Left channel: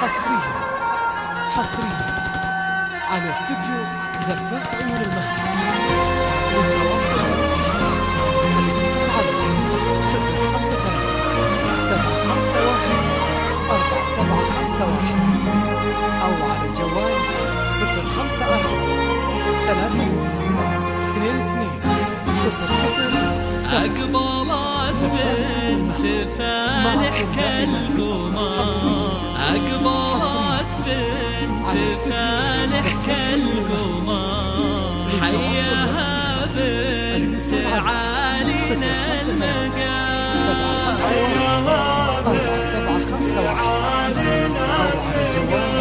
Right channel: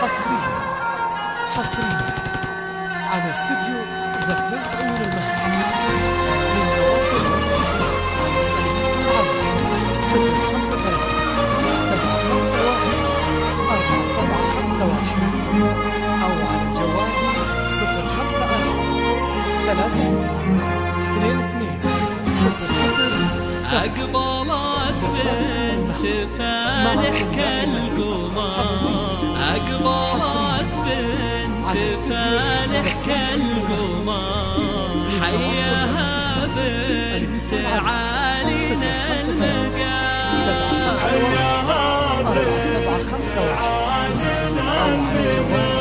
حصريا على استديو زفات عيون المهد. للتواصل والاستفسار الاتصال على 053-751-4751 أو على الجوال 054-3922-00. أقبلت بنت فالح كالقمر، أقبلت بنت فالح كالقمر، حياها بنت عالينا المقام، 751-4751 أو على الجوال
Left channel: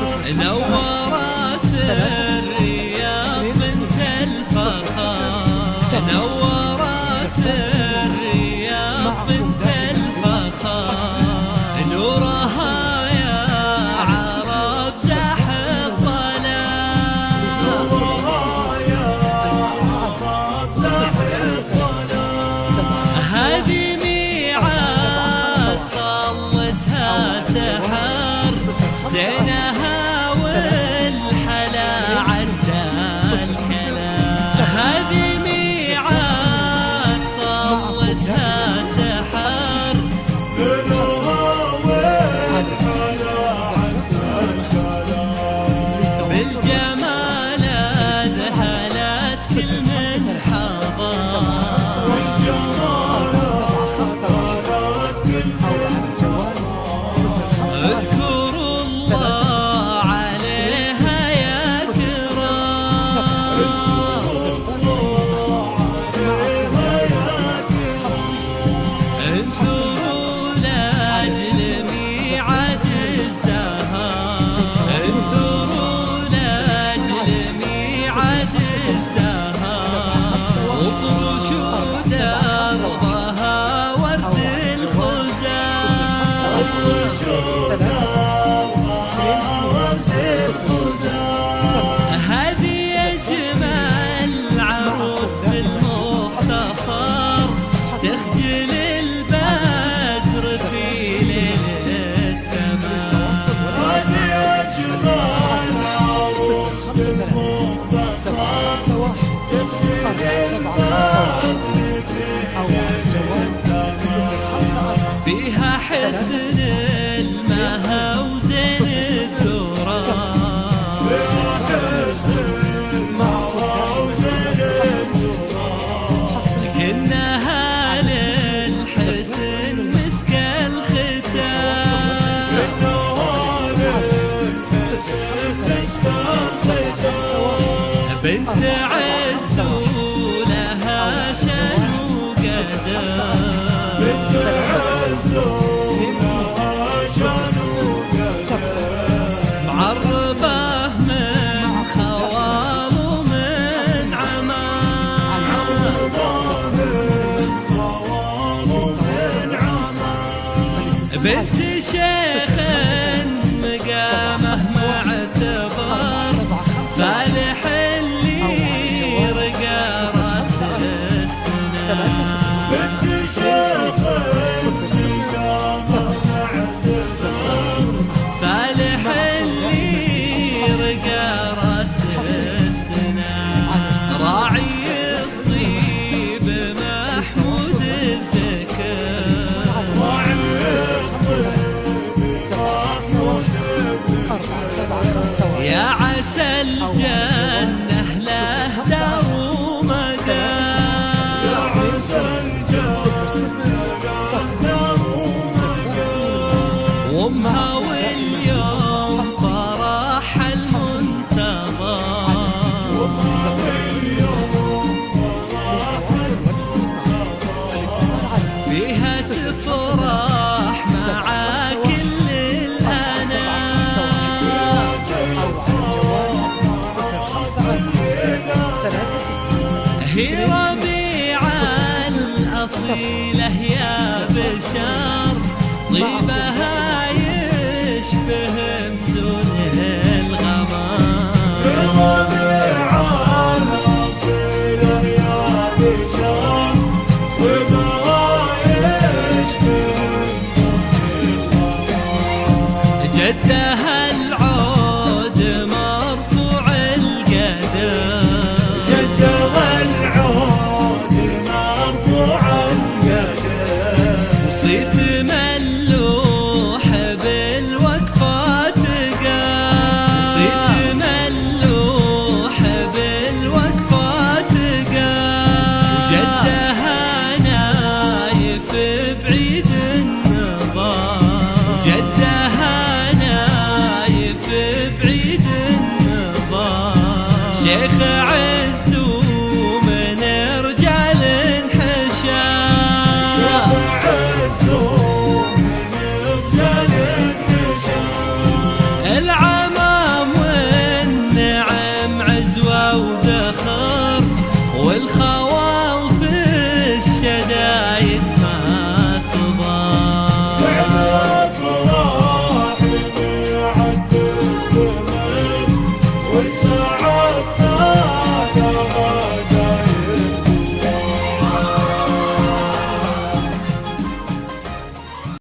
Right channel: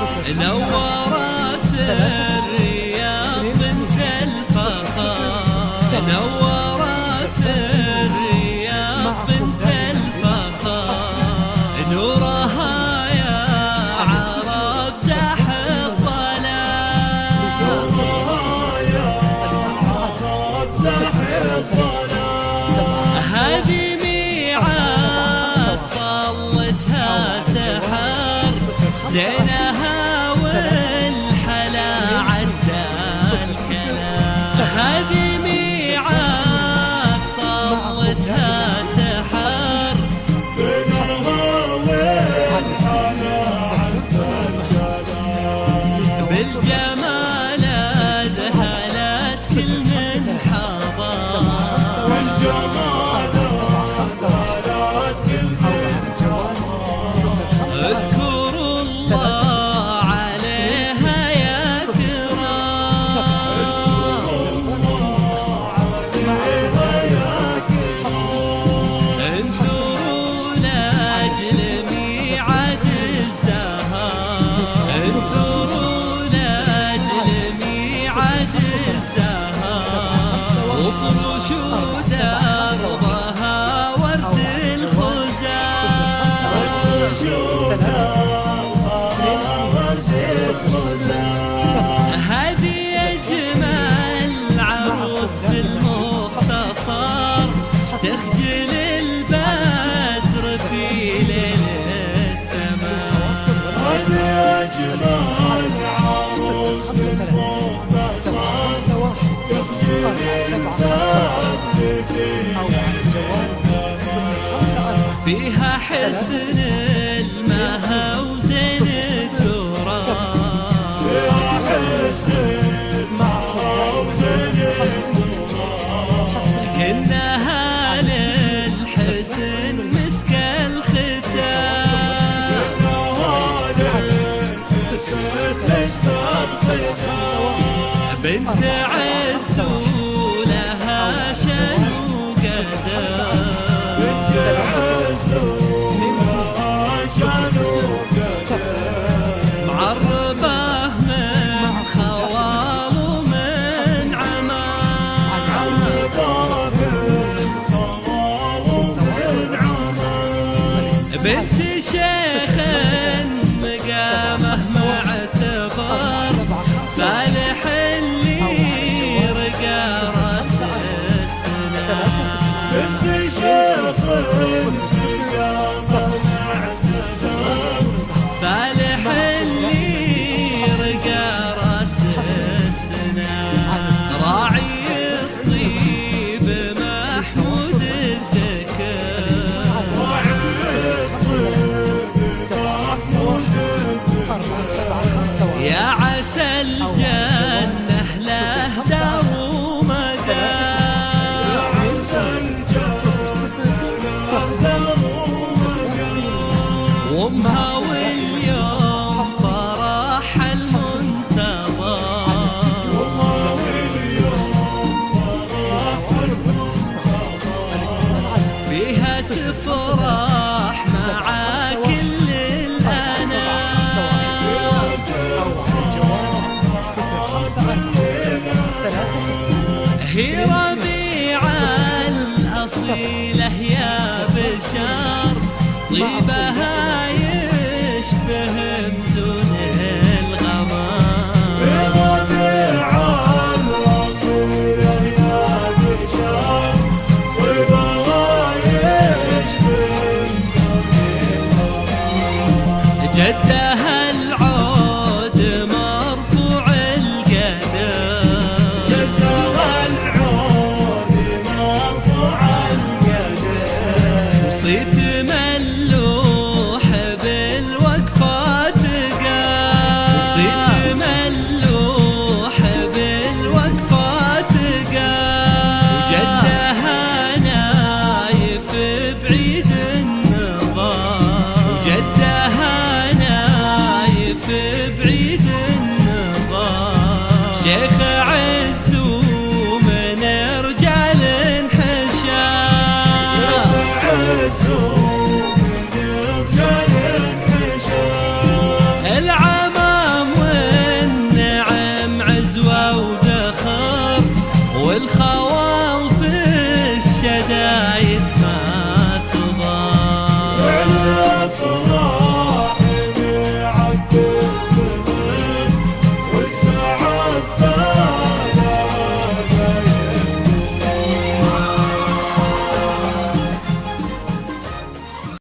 054. نورت الرياض بنت الفخر، نورت الرياض بنت الفخر، نورها يا عرب زاح الظلام، هذه ميعاد طلتها سحر، زينها والحلا عدى الكلام، هذه ميعاد طلتها سحر، بالجمال ذهلت كل من حضر، أو على الجوال 054. اذكروا الله عليها يا كرام، معكم دائما انثروا لاجل ميعاد الزهر، انثروا لاجل ميعاد الزهر، وفرشوا دربها ورد الخزان، هذه أجمل عروس بالمختصر، تخجل البدر في ليل التمام، 053-751-4751 أو على الجوال 054. فيها حسن المها وزين الدرار، معكم دائما حصري كنها للحسن مسك الختام، بنت عز ولها شان وقدر، معربه من خوال ومن عمان، بنت شيخ مقامه معتبر، فالح اللي رقى راس السنان، فالح اللي رقى راس السنان، راعي الطيب محمود الذكر، يا عسى الجنة له دار ومقام، وامها واليوم فرح المنتظر، فيها تفرح مع كل الأنام، أو على الجوال 054-93. هي ربيعة الأصيلة يا بشار، طيبها يشبه مزون الغمام، ربيعة الأصيلة يا بشار، طيبها يشبه مزون الغمام، جده العود مرفوع القدر، جده العود مرفوع القدر، وصيت ملوح بالوقفات قام، وصيت ملوح بالوقفات قام، وجدها نايف بعيد النظام، وجدها نايف بعيد النظام، شيخ عز ومن رجال حشام، العمام والنعم عزوة وذخر، والخوال في الشدايد ما تضام.